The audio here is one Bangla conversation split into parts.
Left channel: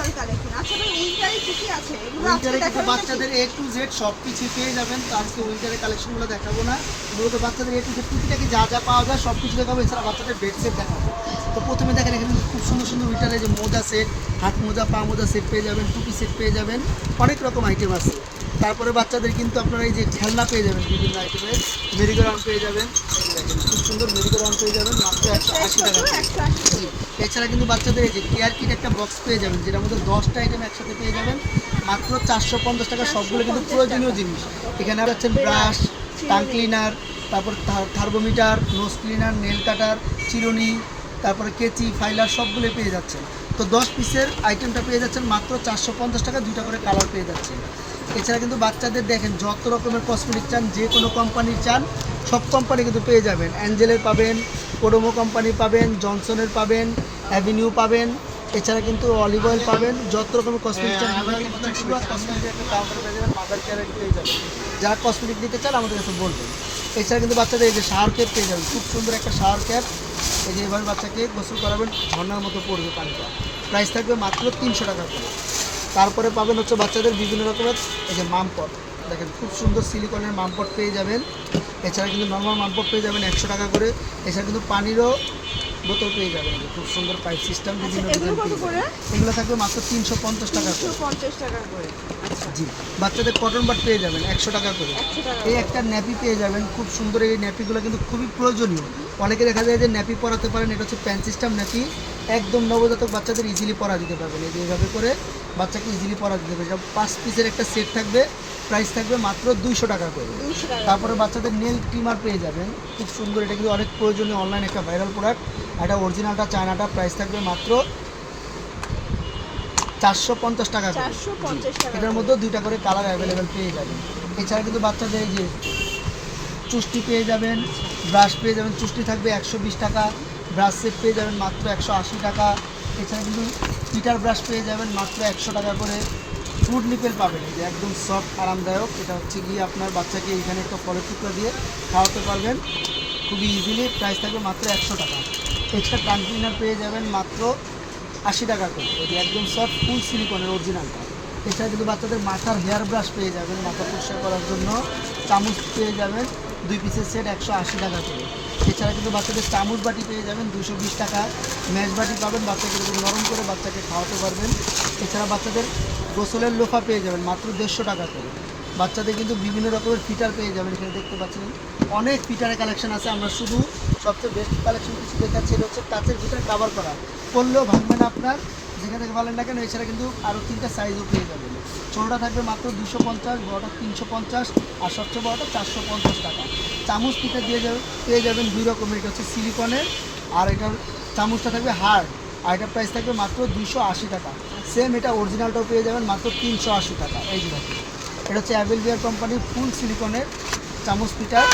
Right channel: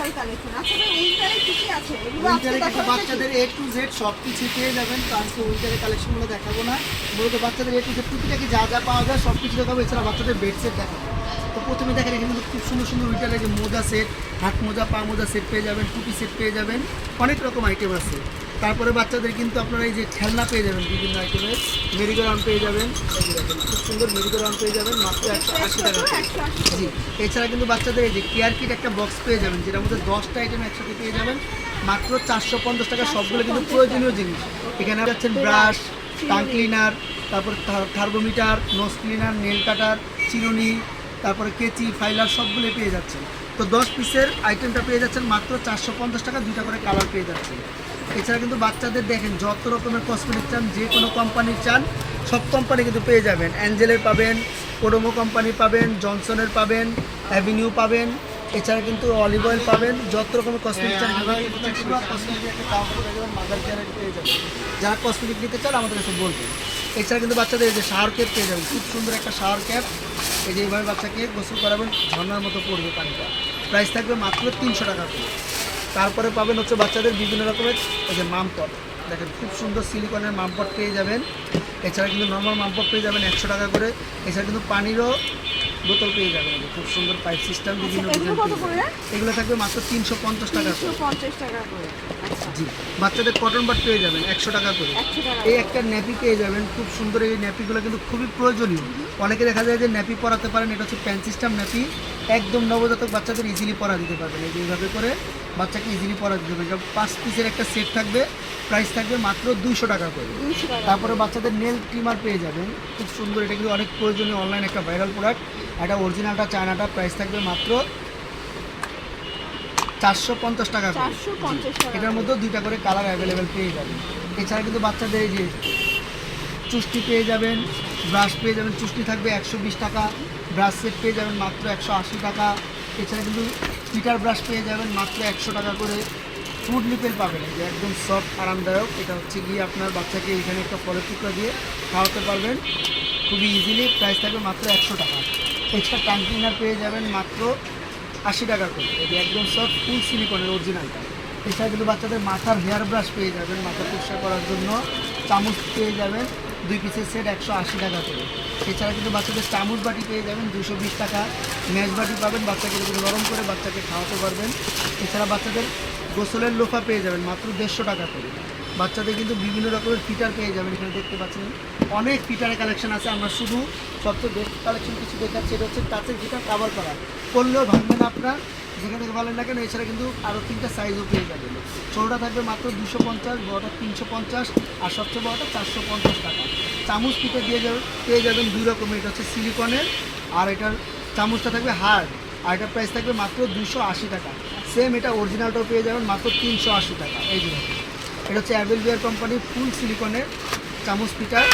চমৎকার কালেকশন। আচ্ছা ভাই উইন্টারে কি কি আছে? এগুলো উইন্টারে আজকে কিন্তু দেখাবেন বাচ্চাদের নাকি? A to Z সব কিছু পেয়ে যাবেন। তো আজকে উইন্টারের কালেকশনগুলো দেখাবো না, মূলত বাচ্চাদের A to Z প্রতিটাকে যা যা পাওয়া যায় সব কিছু দেখাবো। এছাড়া বাচ্চাদের বেড সেট দেখাবো। তো প্রথমে দেখেন এখানে কিন্তু খুব সুন্দর সুন্দর উইন্টারের যে মোজা সেট, হাত মোজা পা মোজা সেট পেয়ে যাবেন, টুপি সেট পেয়ে যাবেন, অনেক রকম আইটেম আছে। তারপরে বাচ্চাদের কিন্তু আপনারা এই যে খেলনা পেয়ে যাবেন বিভিন্ন আইটেমের, মেরিগো রাউন্ড পেয়ে যাবেন, এই যে দেখেন খুব সুন্দর মেরিগো রাউন্ড পেয়ে যাবেন মাত্র 180 টাকা করে। 180 জি, এছাড়া কিন্তু বাচ্চাদের এই যে কেয়ার কিট একটা বক্স পেয়ে যাবেন, যেটার মধ্যে 10টা আইটেম একসাথে পেয়ে যাবেন মাত্র 450 টাকা। সবগুলো কিন্তু প্রয়োজনীয় জিনিস। এখানে পাচ্ছেন ব্রাশ, টাং ক্লিনার, তারপর thermometer, nose cleaner, nail cutter, চিরুনি, তারপরে কেচি, ফাইলার সবগুলো পেয়ে যাচ্ছেন। তো 10 পিসের আইটেমটা পেয়ে যাচ্ছেন মাত্র 450 টাকা, 2টা করে কালার পেয়ে যাচ্ছেন। এছাড়া কিন্তু বাচ্চাদের দেখেন যত রকমের কসমেটিক চান, যে কোনো কোম্পানির চান সব কোম্পানি কিন্তু পেয়ে যাবেন। অ্যাঞ্জেলের পাবেন, কোডোমো কোম্পানি পাবেন, জনসনের পাবেন, অ্যাভিনিউ পাবেন, এছাড়া কিন্তু অলিভ অয়েল পাবেন। যত রকমের কসমেটিক চান কসমেটিকের একটা কাউন্টার পেয়ে যাবেন, মাদার কেয়ারের পেয়ে যাবেন। যারা কসমেটিক দিতে চান আমাদের কাছে বলবেন। এছাড়া কিন্তু বাচ্চাদের এই যে শাওয়ার ক্যাপ পেয়ে যাবেন, খুব সুন্দর একটা শাওয়ার ক্যাপ। এই যে এইভাবে বাচ্চাকে গোসল করাবেন, ঝর্ণার মতো পড়বে পানিটা। প্রাইস থাকবে মাত্র 300 টাকা করে। তারপরে পাবেন হচ্ছে বাচ্চাদের বিভিন্ন রকমের এই যে মামপট, দেখেন খুব সুন্দর সিলিকনের মামপট পেয়ে যাবেন। এছাড়া কিন্তু নর্মাল মামপট পেয়ে যাবেন 100 টাকা করে। এছাড়া কিন্তু পানিরও বোতল পেয়ে যাবেন, এই যে খুব সুন্দর পাইপ সিস্টেম বিভিন্ন এগুলো কত ডিজাইন। করে? এগুলো থাকবে মাত্র 350 টাকা করে। 350 টাকা করে। জি, বাচ্চাদের কটন বাট পেয়ে যাবেন 100 টাকা করে। 100 টাকা। এই একটা ন্যাপি পেয়ে যাবেন, খুব সুন্দর। এই ন্যাপিগুলো কিন্তু খুবই প্রয়োজনীয়। অনেকে দেখা যায় যে ন্যাপি পরাতে পারেন, এটা হচ্ছে প্যান সিস্টেম ন্যাপি, একদম নবজাতক বাচ্চাদের ইজিলি পরা দিতে পারবেন। এই যে এইভাবে করে বাচ্চাকে ইজিলি পরা দিতে পারবেন। এটা 5 পিসের একটা সেট থাকবে, প্রাইস থাকবে মাত্র 200 টাকা করে। 200 টাকা। তারপরে বাচ্চাদের নেল ট্রিমার পেয়ে যাবেন, খুব সুন্দর। এটা কিন্তু অনেক প্রয়োজনীয় অনলাইন একটা ভাইরাল প্রোডাক্ট। এটা অরিজিনালটা চায়নাটা, প্রাইস থাকবে মাত্র 450 টাকা করে। 450 টাকা। এটার মধ্যে 2টা করে কালার অ্যাভেলেবেল পেয়ে যাবেন। এছাড়া কিন্তু বাচ্চাদের এই যে চুষ্টি পেয়ে যাবেন, ব্রাশ পেয়ে যাবেন, চুষ্টি থাকবে 120 টাকা, ব্রাশ সেট পেয়ে যাবেন মাত্র 180 টাকা। এছাড়া কিন্তু পিটার ব্রাশ পেয়ে যাবেন মাত্র 100 টাকা করে। ফ্রুট নিপেল পাবেন, যে একদম সফট আরামদায়ক। এটা হচ্ছে গিয়ে আপনার বাচ্চাকে এখানে একটা ফলের টুকরা দিয়ে খাওয়াতে পারবেন খুবই ইজিলি, প্রাইস থাকবে মাত্র 100 টাকা। এক্সট্রা টাং ক্লিনার পেয়ে যাবেন মাত্র 80 টাকা করে, এটি একদম সফট ফুল সিলিকনের অরিজিনালটা। এছাড়া কিন্তু বাচ্চাদের মাথার হেয়ার ব্রাশ পেয়ে যাবেন মাথা পরিষ্কার করার জন্য, চামচ পেয়ে যাবেন 2 পিসের সেট 180 টাকা করে। এছাড়া কিন্তু বাচ্চাদের চামচ বাটি পেয়ে যাবেন 220 টাকা, ম্যাশ বাটি পাবেন, বাচ্চাকে যদি নরম করে বাচ্চাকে খাওয়াতে পারবেন। এছাড়া বাচ্চাদের গোসলের লোফা পেয়ে যাবেন মাত্র 150 টাকা করে। বাচ্চাদের কিন্তু বিভিন্ন রকমের ফিটার পেয়ে যাবেন, এখানে দেখতে পাচ্ছেন অনেক ফিটারের কালেকশন আছে। আমরা শুধু সবচেয়ে বেস্ট কালেকশন কিছু দেখাচ্ছি, এটা হচ্ছে কাঁচের ফিটার কাভার করা, করলেও ভাঙবে না আপনার, যেখানে থেকে ভালো না কেন। এছাড়া কিন্তু আরও 3টা সাইজও পেয়ে যাবেন। ছোটোটা থাকবে মাত্র 250, বড়টা 350, আর সবচেয়ে বড়টা 450 টাকা। চামচ ফিটার দিয়ে যাবেন পেয়ে যাবেন 2 রকমের, এটা হচ্ছে সিলিকনের, আর এটার চামচটা থাকবে হার্ড, আর এটার প্রাইস থাকবে মাত্র 280 টাকা। সেম এটা অরিজিনালটাও পেয়ে যাবেন মাত্র 380 টাকা। এই যে এটা হচ্ছে অ্যাভেল বিয়ার কোম্পানির ফুল সিলিকনের চামচ পিঠার।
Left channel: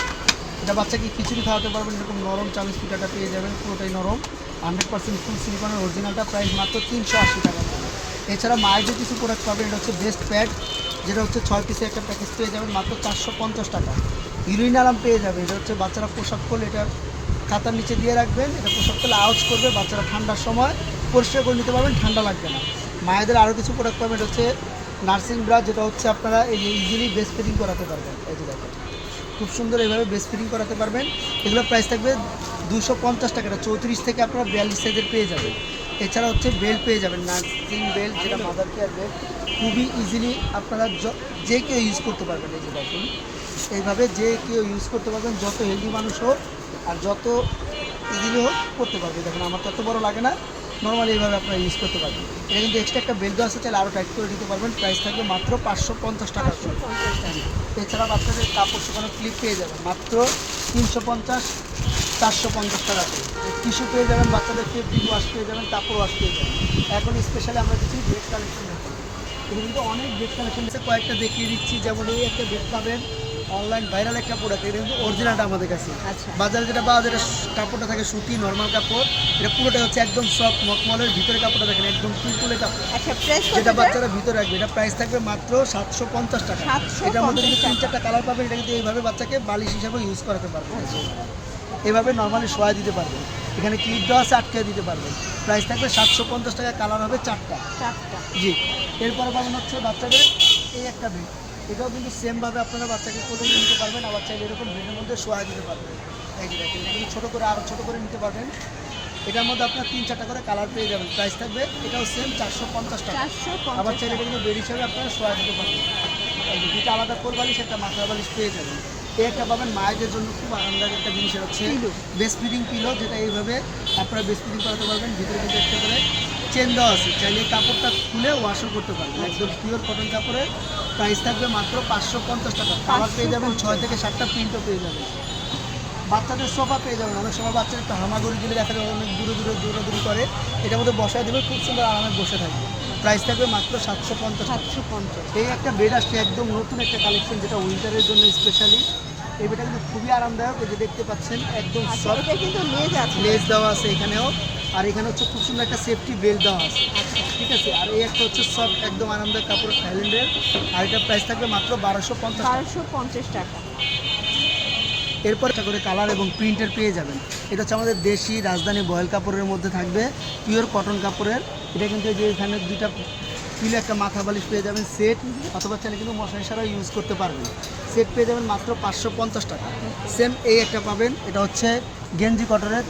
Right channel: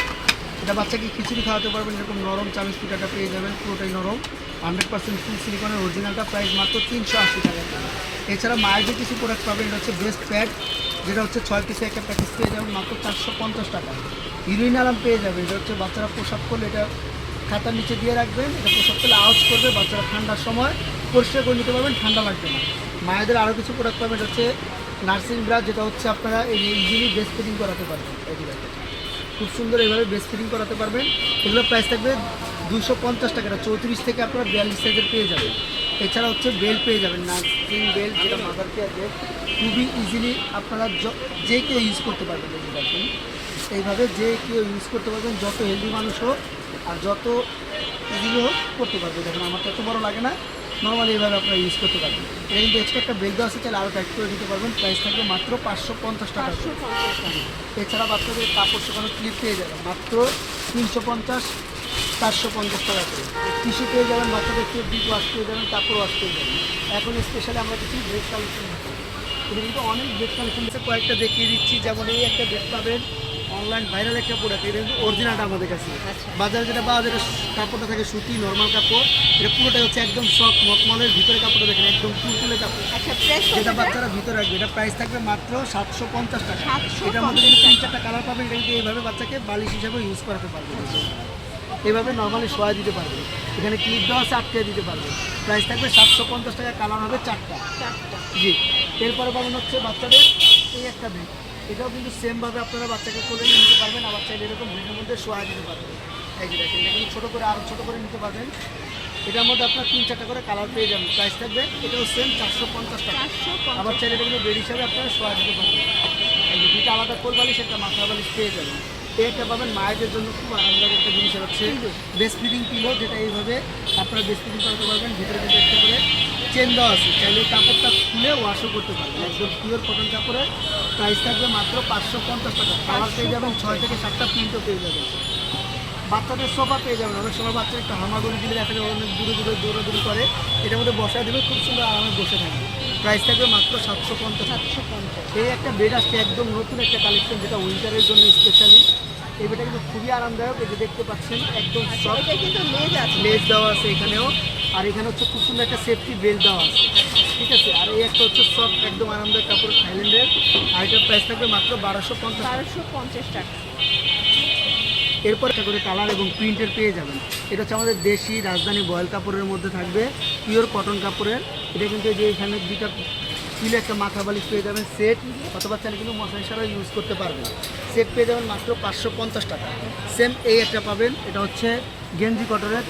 এটা বাচ্চাকে খিচুড়ি খাওয়াতে পারবেন, এরকম নরম চামচ পিঠাটা পেয়ে যাবেন, পুরোটাই নরম, 100% ফুল সিলিকনের অরিজিনালটা, প্রাইস মাত্র 380 টাকা। এছাড়া মায়ের যে কিছু প্রোডাক্ট পাবেন, এটা হচ্ছে বেস্ট প্যাড, যেটা হচ্ছে 6 পিসের একটা প্যাকেজ পেয়ে যাবেন মাত্র 450 টাকা। ইউরিন আরাম পেয়ে যাবেন, এটা হচ্ছে বাচ্চারা প্রসাব করলে এটা খাতার নিচে দিয়ে রাখবেন, এটা প্রসাব করলে আওয়াজ করবে, বাচ্চারা ঠান্ডার সময় পরিষ্কার করে নিতে পারবেন, ঠান্ডা লাগবে না। মায়েদের আরও কিছু প্রোডাক্ট পাবেন, এটা হচ্ছে নার্সিং ব্রাশ, যেটা হচ্ছে আপনারা এই ইজিলি বেস্ট ফিটিং করাতে পারবেন। এই যে দেখেন খুব সুন্দর এইভাবে বেস্ট ফিটিং করাতে পারবেন। এগুলোর প্রাইস থাকবে 250 টাকা, 34 থেকে আপনারা 42 সাইজের পেয়ে যাবেন। এছাড়া হচ্ছে বেল্ট পেয়ে যাবেন, নার্সিং বেল্ট, যেটা মাদার কেয়ার বেল্ট, খুবই ইজিলি আপনারা যে কেউ ইউজ করতে পারবেন। এই যে দেখেন এইভাবে যে কেউ ইউজ করতে পারবেন, যত হেলদি মানুষ হোক আর যত ইজিলি হোক করতে পারবে। দেখেন আমার তত বড় লাগে না, নর্মালি এইভাবে আপনারা ইউজ করতে পারবেন। এটা কিন্তু এক্সট্রা একটা বেল্ট আছে, তাহলে আরও টাইট করে দিতে পারবেন। প্রাইস থাকবে মাত্র 550 টাকা করে। এছাড়া বাচ্চাদের কাপড় শুকানো ক্লিপ পেয়ে যাবেন মাত্র 350, 450 টাকা করে। টিস্যু পেয়ে যাবেন, বাচ্চাদের ডিপ ওয়াশ পেয়ে যাবেন, কাপড় ওয়াশ পেয়ে যাবেন। এখন স্পেশালি আমরা কিছু ড্রেস কালেকশন দেখাবো, এটা কিন্তু অনেক ড্রেস কালেকশন আছে, কয়েকটা দেখিয়ে দিচ্ছি। যেমন এই একটা ড্রেস পাবেন, অনলাইন ভাইরাল একটা প্রোডাক্ট, এটা কিন্তু অরিজিনালটা আমাদের কাছে। বাজারে যেটা পাওয়া যায় কাপড়টা থাকে সুতি নর্মাল কাপড়, এটা পুরোটা হচ্ছে একদম সফট মখমলের, ভিতরে কাপড়টা দেখেন একদম তুলতুলে কাপড়, যেটা বাচ্চারা ভিতরে রাখবে। এটা প্রাইস থাকবে মাত্র 750 টাকা। এটার মধ্যে কিন্তু 3-4টা কালার পাবেন। এটা কিন্তু এইভাবে বাচ্চাকে বালিশ হিসাবে ইউজ করাতে পারবেন, এইভাবে নর্মালি শোয়া দিতে পারবেন। এখানে ক্লিপ দেওয়া আছে, আটকে দিতে পারবেন। প্রাইস থাকবে 750 টাকা, কালার হবে 4টা। জি, এরপরে পাবেন হচ্ছে বাচ্চাদের এই একটা বেড। এটাও কিন্তু সেমভাবে আপনারা বাচ্চাকে কোলে নিয়ে নিতে পারবেন, আবার চাইলে এরকম বেডের মধ্যে শোয়া দিতে পারবেন। এই যে দেখেন, এটা ছোটো করে আরও ছোটো করে নিতে পারবেন। এটার মধ্যে আপনার 3-4টা করে কালার পেয়ে যাবেন। প্রাইস থাকবে এটাও সেম 450 টাকা। আবার চাইলে এটা কিন্তু বেড হিসাবে আপনারা শোয়া দিতে পারবেন। এই যে দুটো আলাদা কোল বালিশ, একটা মাথা বালিশ পেয়ে যাবেন। এই একটা পাবেন মায়েদের জন্য খুব আরামদায়ক একটা জিনিস হচ্ছে বেস্ট ফিটিং পিলো, যেটা এইভাবে আপনারা বেস্ট ফিটিং করাতে পারবেন। ভিতরে কিন্তু একটা করে চেন দেওয়া আছে, চাইলে কাপড়টা খুলে ওয়াশও করতে পারবেন। একদম পিওর কটন কাপড়ে। প্রাইস থাকবে মাত্র 550 টাকা। কালার পেয়ে যাবেন 6 থেকে 7টা প্রিন্টও পেয়ে যাবেন। বাচ্চাদের সোফা পেয়ে যাবেন। অনেক সময় বাচ্চারা একটা হামাগুড়ি দিলে দেখা যায় অনেক দূরে দৌড়াদৌড়ি করে, এটার মধ্যে বসা দিলে খুব সুন্দর আরামে বসে থাকবে। প্রাইস থাকবে মাত্র 750 টাকা। এই একটা বেড আসছে একদম নতুন একটা কালেকশন, যেটা উইন্টারের জন্য স্পেশালি। এই বেডটা কিন্তু খুবই আরামদায়ক। এই যে দেখতে পাচ্ছেন একদম সফট, কিন্তু লেস দেওয়া আছে এখানেও। আর এখানে হচ্ছে খুব সুন্দর একটা সেফটি বেল্ট দেওয়া আছে, ঠিক আছে। আর এই একটা হচ্ছে সফট একদম আরামদায়ক কাপড় থাইল্যান্ডের। আর এটার প্রাইস থাকবে মাত্র 1250 টাকা। এরপর একটা করে কালার এবং প্রিন্টের পেয়ে যাবেন। এটা হচ্ছে আমাদের দেশি রাজধানী বয়েল কাপড়ের মধ্যে থাকবে, পিওর কটন কাপড়ের। এটা কিন্তু যে এখানে দুইটা তুলে একটা মাথা বালিশ পেয়ে যাবেন সেট, অথবা চাইলে কিন্তু মশারি সারাও ইউজ করতে পারবেন। সেট পেয়ে যাবেন মাত্র 550 টাকা। সেম এই একটা পাবেন, এটা হচ্ছে গেঞ্জি কটনের।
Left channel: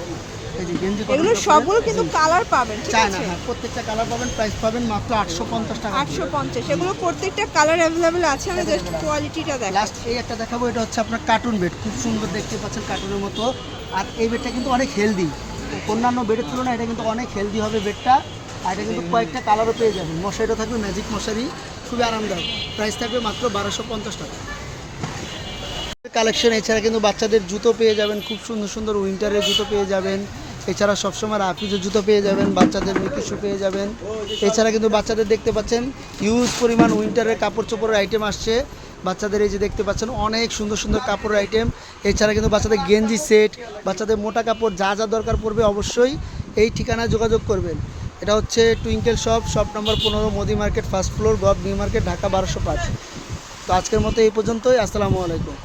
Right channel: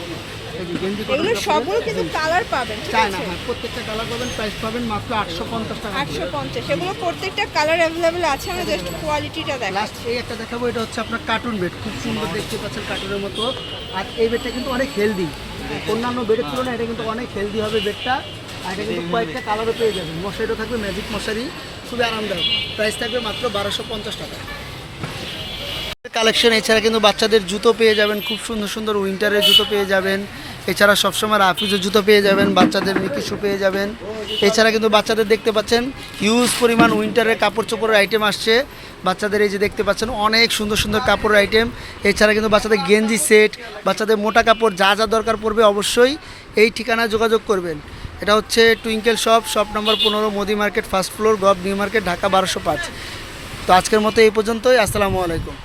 এই যে গেঞ্জি কটন সবগুলো কিন্তু কালার পাবেন, ঠিক চায় আছে? না, হ্যাঁ, প্রত্যেকটা কালার পাবেন। প্রাইস পাবেন মাত্র 850 টাকা। 850। এগুলো প্রত্যেকটা কালার अवेलेबल আছে, আমরা জাস্ট কোয়ালিটিটা দেখাচ্ছি। লাস্ট এই একটা দেখাবো, এটা হচ্ছে আপনার কার্টুন বেড, খুব সুন্দর দেখতে পাচ্ছেন কার্টুনের মতো। আর এই বেডটা কিন্তু অনেক হেলদি, অন্যান্য বেডের তুলনায় এটা কিন্তু অনেক হেলদি হবে বেডটা। আর এটা কিন্তু কয়েকটা কালারও পেয়ে যাবেন। মশারিটা থাকবে ম্যাজিক মশারি, খুবই আরামদায়ক। প্রাইস থাকবে মাত্র 1250 টাকা। কালেকশন এছাড়া কিন্তু বাচ্চাদের জুতো পেয়ে যাবেন, খুব সুন্দর সুন্দর উইন্টারের জুতো পেয়ে যাবেন। এছাড়া সবসময় রাফিজের জুতো পেয়ে যাবেন, বাচ্চাদের মিকি শু পেয়ে যাবেন। এছাড়া কিন্তু বাচ্চাদের দেখতে পাচ্ছেন হিউজ পরিমাণ উইন্টারের কাপড় চোপড়ের আইটেম আসছে বাচ্চাদের। এই যে দেখতে পাচ্ছেন অনেক সুন্দর সুন্দর কাপড়ের আইটেম। এছাড়া কিন্তু বাচ্চাদের গেঞ্জি সেট, বাচ্চাদের মোটা কাপড় যা যা দরকার পড়বে অবশ্যই এই ঠিকানায় যোগাযোগ করবেন। এটা হচ্ছে twinkle shop number 15, Modi market, first floor, gov new market, Dhaka 1205। তো আজকের মতো এই পর্যন্তই। আসসালামু আলাইকুম।